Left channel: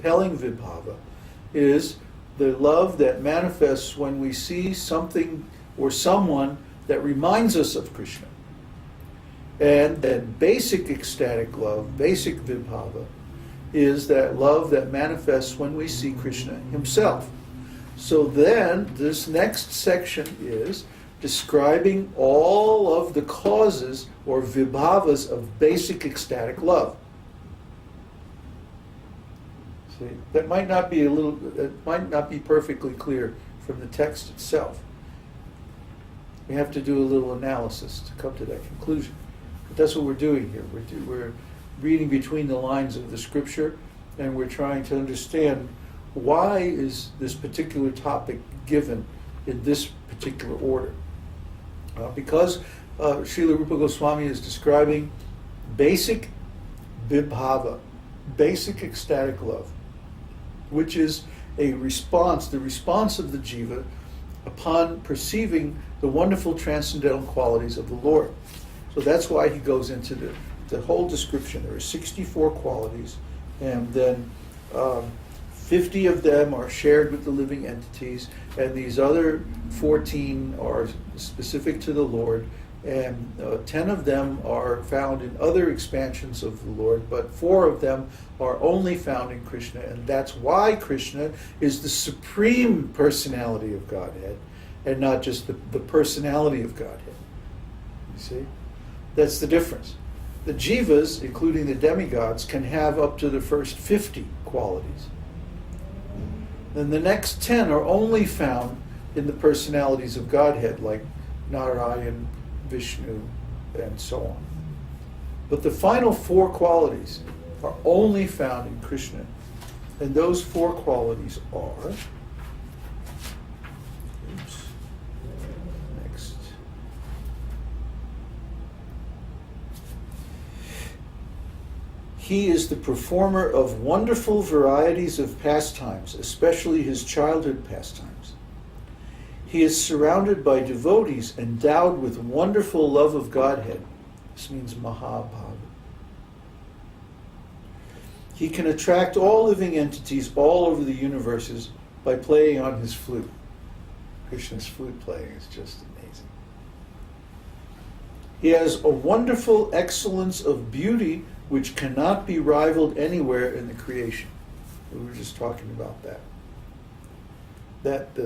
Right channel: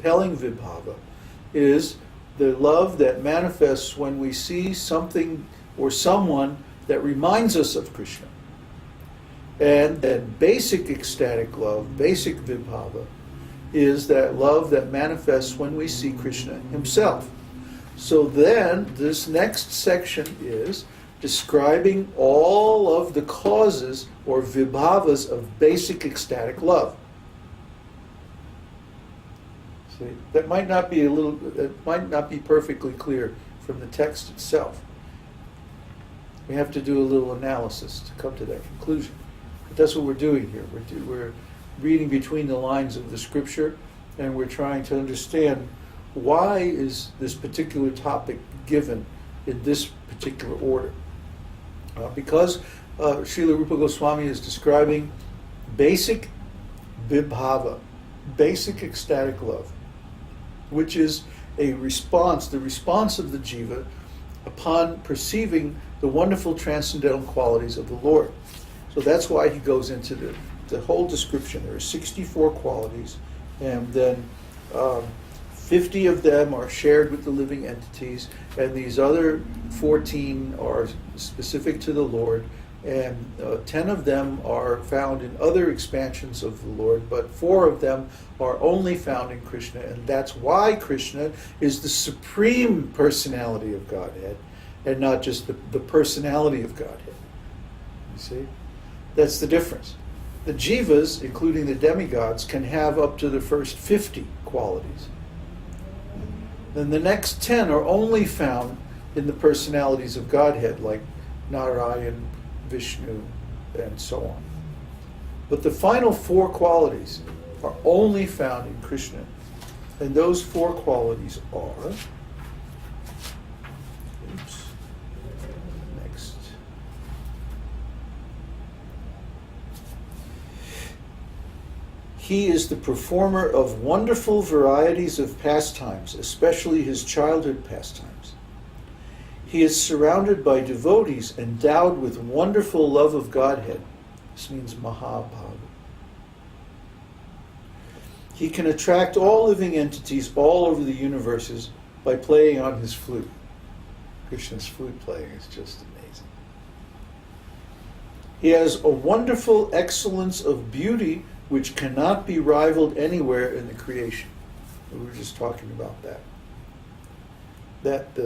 compelling vibhava is the love that manifests when we see something or someone that reminds us of Krishna. And that basic ecstatic love, basic vibhava, is that love that manifests when we see Krishna himself. So then, this next section is describing all of the causes or vibhavas of basic ecstatic love. See, that might not be it might not be perfectly clear from the text itself. We have to do a little analysis to come to that conclusion. But that's what we're doing here. We're reading between the lines of the scripture, and we're trying to understand why is this particular topic given in this particular order. Because Śrīla Rūpa Gosvāmī is describing basic vibhava, basic ecstatic love, which is a response, the response of the jiva upon perceiving the wonderful transcendental qualities of the Lord. So that's why he goes into the whole description. There are 64 qualities, and then 50 of them are shared with the living entities, and these other 14 are specific to the Lord, and 10 of them are found in other expansions of the Lord, but 4 of them are only found in Krishna, and that's why Krishna is the supreme personality of Godhead, and not just the personality of Godhead. You see? That's the difference. The jivas, including the demigods, can have up to the first 50 qualities. Then the next 10 are only found in the personalities of Godhead, like Narayan, Vishnu, and so on. But the final 4 qualities are only found in Krishna. And those 4 qualities are... Next. He is the performer of wonderful varieties of pastimes, especially his childhood pastimes. He is surrounded by devotees endowed with wonderful love of Godhead. This means Mahabhava. He can attract all living entities all over the universes by playing on his flute. Krishna's flute playing is just amazing. He has a wonderful excellence of beauty which cannot be rivaled anywhere in the creation. We were just talking about that. That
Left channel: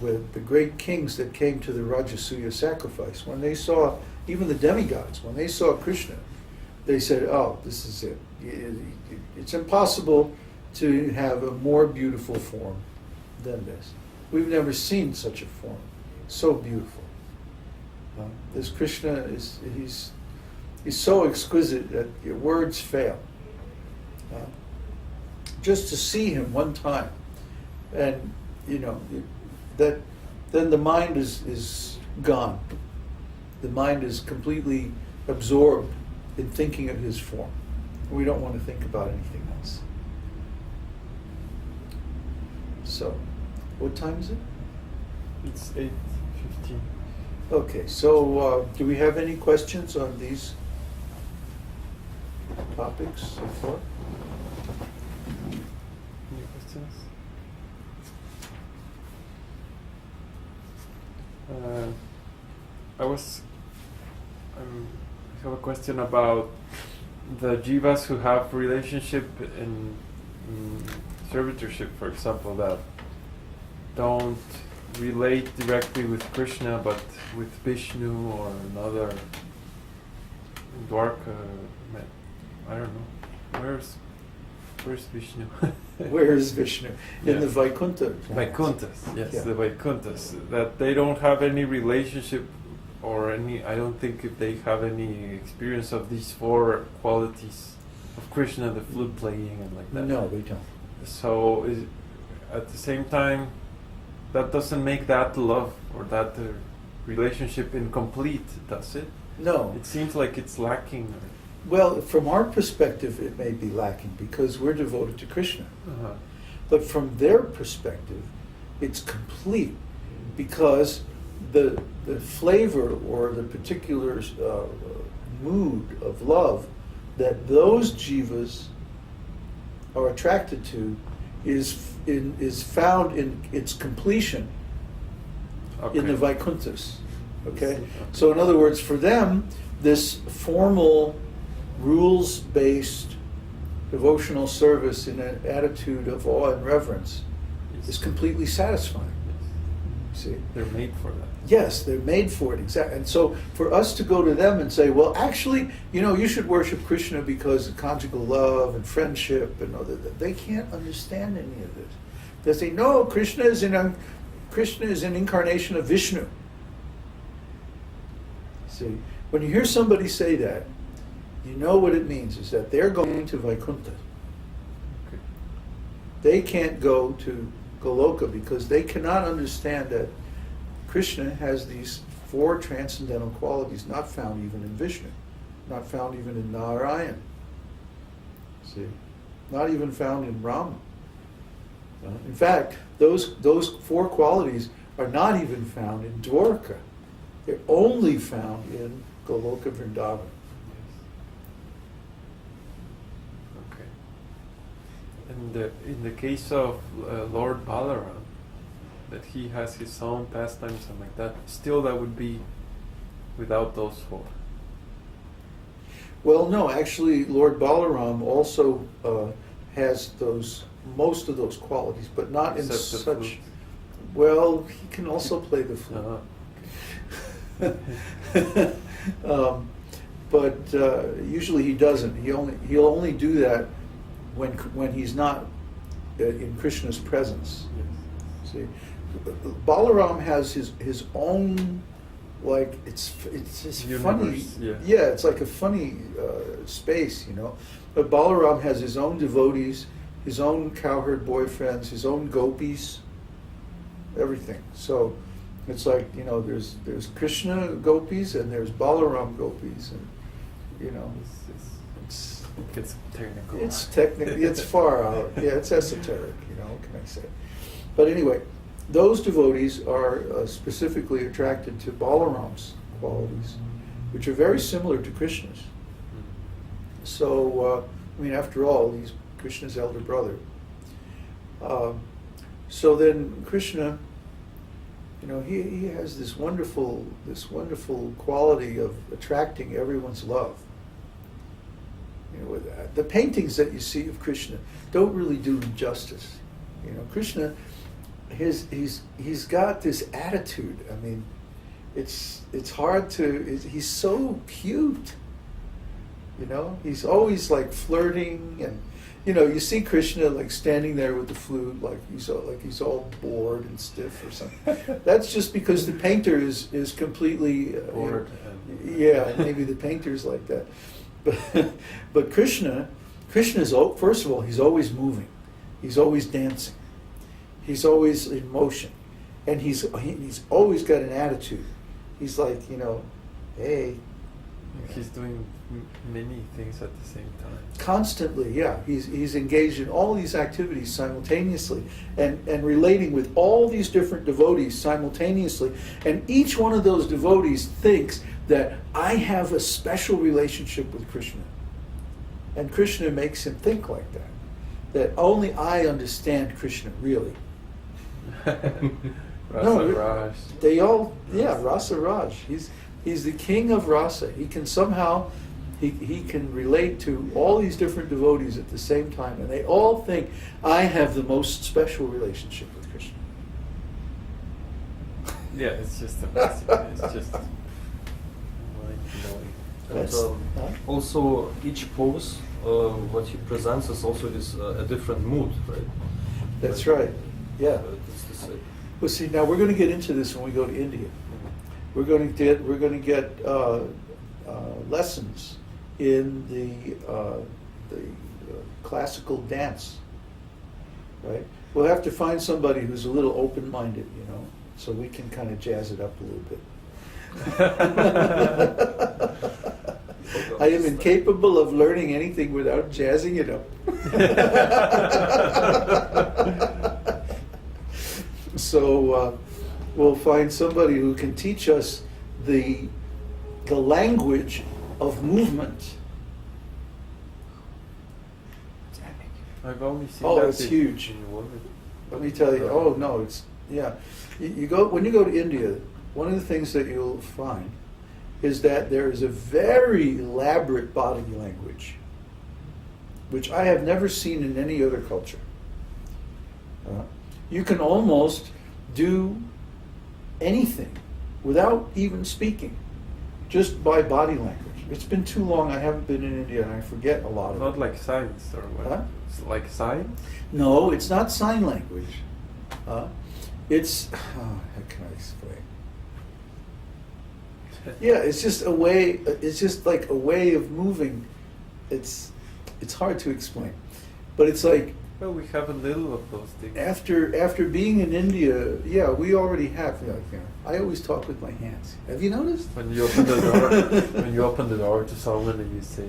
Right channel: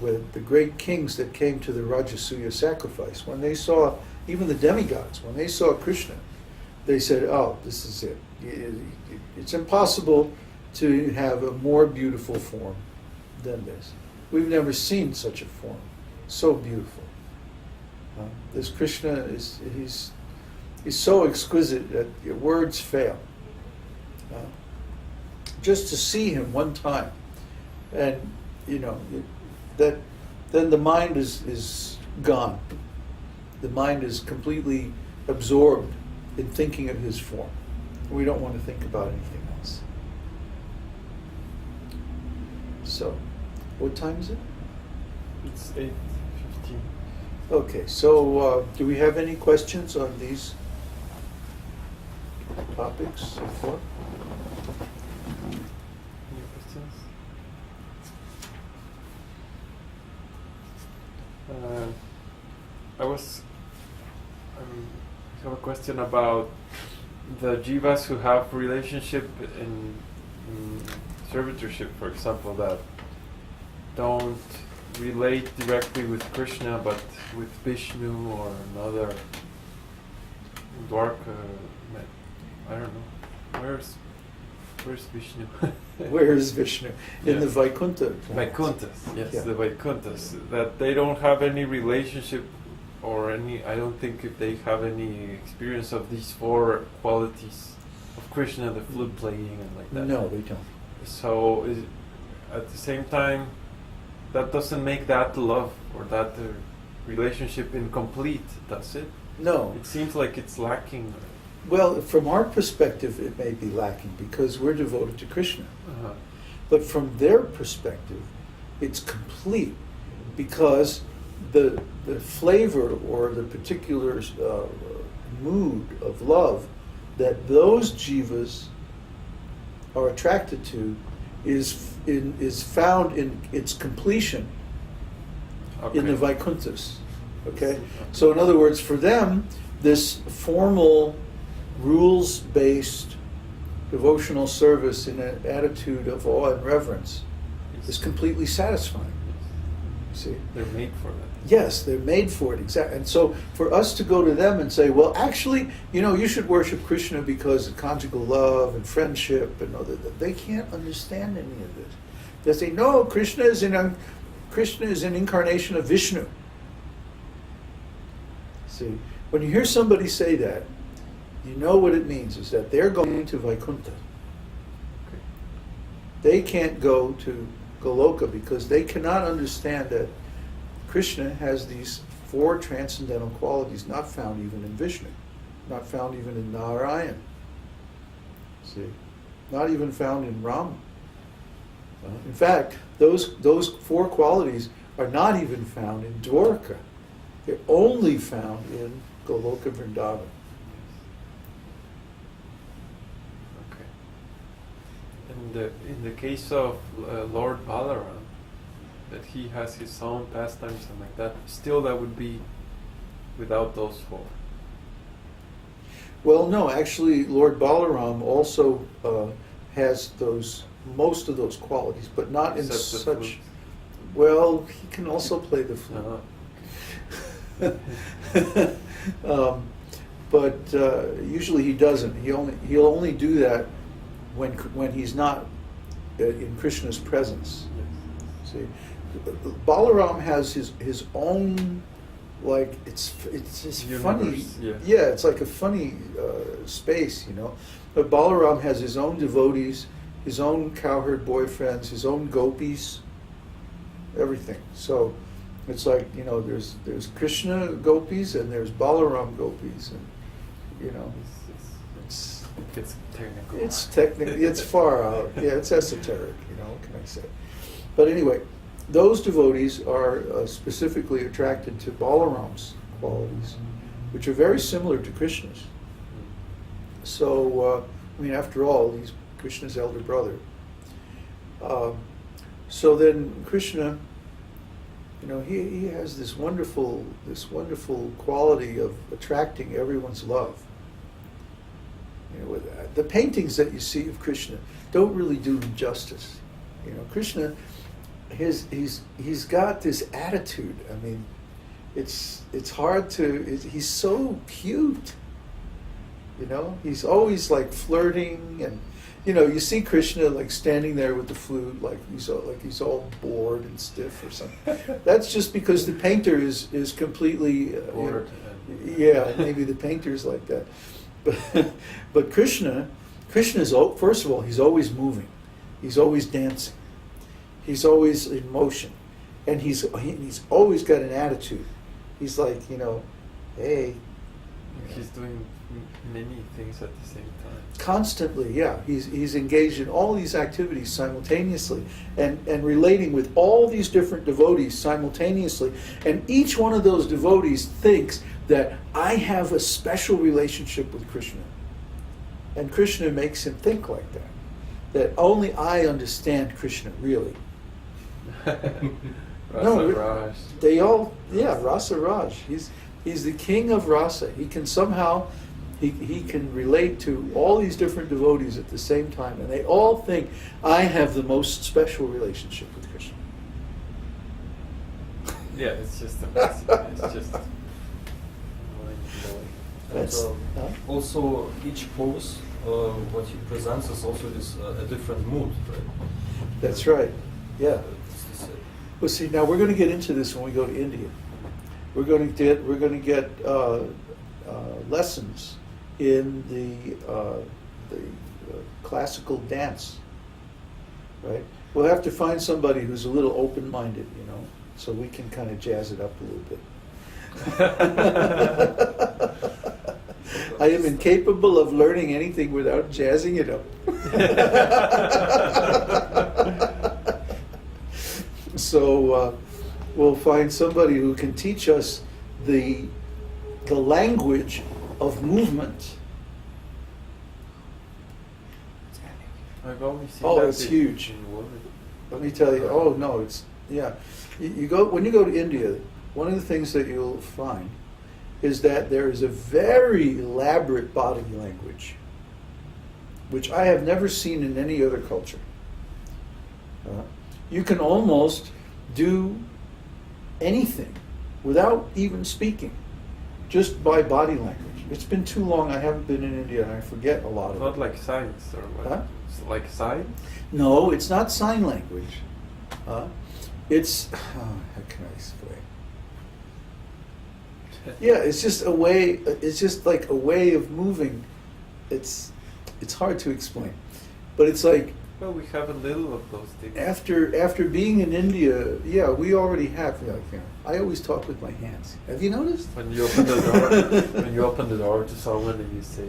with the great kings that came to the Rajasuya sacrifice, when they saw, even the demigods, when they saw Krishna, they said, oh, this is it. It's impossible to have a more beautiful form than this. We've never seen such a form. So beautiful. This Krishna, he's so exquisite that your words fail. Just to see him one time, and that then the mind is gone. The mind is completely absorbed in thinking of his form. We don't want to think about anything else. So, what time is it? It's 8:15. Okay, so do we have any questions on these topics so far? Any questions? I have a question about the jivas who have relationship in servitorship, for example, that don't relate directly with Krishna but with Vishnu or another Dwarka. I don't know. Where's Vishnu? Where is Vishnu? In Yeah. the Vaikuntha. Vaikunthas, yes, Yeah. the Vaikunthas. That they don't have any relationship or I don't think if they have any experience of these 4 qualities of Krishna, the flute playing and like that. No, we don't. So at the same time, that doesn't make that love or that relationship incomplete, does it? No. It seems like it's lacking. Well, from our perspective, it may be lacking because we're devoted to Krishna. But from their perspective, it's complete because the flavor or the particular mood of love that those jivas are attracted to is found in its completion in the Vaikunthas. Okay? So in other words, for them, this formal, rules-based devotional service in an attitude of awe and reverence is completely satisfying. See? They're made for that. Yes, they're made for it, exactly. And so for us to go to them and say, well, actually, you should worship Krishna because of conjugal love and friendship and all that, they can't understand any of this. They say, no, Krishna is an incarnation of Vishnu. See, when you hear somebody say that, you know what it means, is that they're going to Vaikuntha. Okay. They can't go to Goloka because they cannot understand that Krishna has these 4 transcendental qualities not found even in Vishnu, not found even in Narayan. See, not even found in Rama. In fact, those 4 qualities are not even found in Dwarka. They're only found in Goloka Vrindavan. Okay. And in the case of Lord Balaram, that he has his own pastimes and like that, still that would be without those 4. Well, no, actually, Lord Balaram also has most of those qualities, but not in Except the such. flute. Well, he can also play the flute. But usually he doesn't. He'll only do that when he's not in Krishna's presence. Yes. See, Balaram has his own, like it's funny. Yeah. It's like a funny space, But Balaram has his own devotees, his own cowherd boyfriends, his own gopis, everything. So it's like, there's Krishna gopis and there's Balaram gopis, and It's technical. it's technically, it's far out. Yeah, it's esoteric, what can I say? But anyway, those devotees are specifically attracted to Balaram's qualities, which are very similar to Krishna's. So, after all, he's Krishna's elder brother. So then Krishna, he has this wonderful quality of attracting everyone's love. The paintings that you see of Krishna don't really do him justice. Krishna, he's got this attitude. It's hard to. He's so cute. He's always like flirting, and you see Krishna like standing there with the flute, like he's all bored and stiff or something. That's just because the painter is completely bored. Yeah, maybe the painter's like that. But Krishna's first of all, he's always moving, he's always dancing, he's always in motion, and he's always got an attitude. He's like, hey. He's doing many things at the same time. Constantly, yeah. He's engaged in all these activities simultaneously and relating with all these different devotees simultaneously. And each one of those devotees thinks that I have a special relationship with Krishna. And Krishna makes him think like that. That only I understand Krishna, really. Rasa Raj. They all, Rasa Raj. He's the king of rasa. He can somehow, he can relate to all these different devotees at the same time, and they all think, I have the most special relationship with Krishna. Yeah, it's just amazing. It's just mind-blowing. And also each pose, what he presents is also a different mood, right? That's right. Yeah. It's the same. Well, see, now we're going to get into this when we go to India. We're going to get lessons in the classical dance, right? We'll have to find somebody who's a little open-minded, so we can kind of jazz it up a little bit. I am incapable of learning anything without jazzing it up. So we'll find somebody who can teach us the language of movement. I've only seen Oh, that it's in, huge. in women. Let me tell you. Oh no, it's yeah. You go when you go to India. One of the things that you'll find is that there is a very elaborate body language, which I have never seen in any other culture. You can almost do anything without even speaking, just by body language. It's been too long. I haven't been in India, and I forget a lot of Not it. like science or what? Huh? It's like science? No, it's not sign language. It's how can I explain? Yeah, it's just a way. It's just like a way of moving. It's hard to explain, but it's like Well, we have a little of those things. after being in India, yeah, we already have. I always talk with my hands. Have you noticed? When you open the door, when you open the door to someone and you say,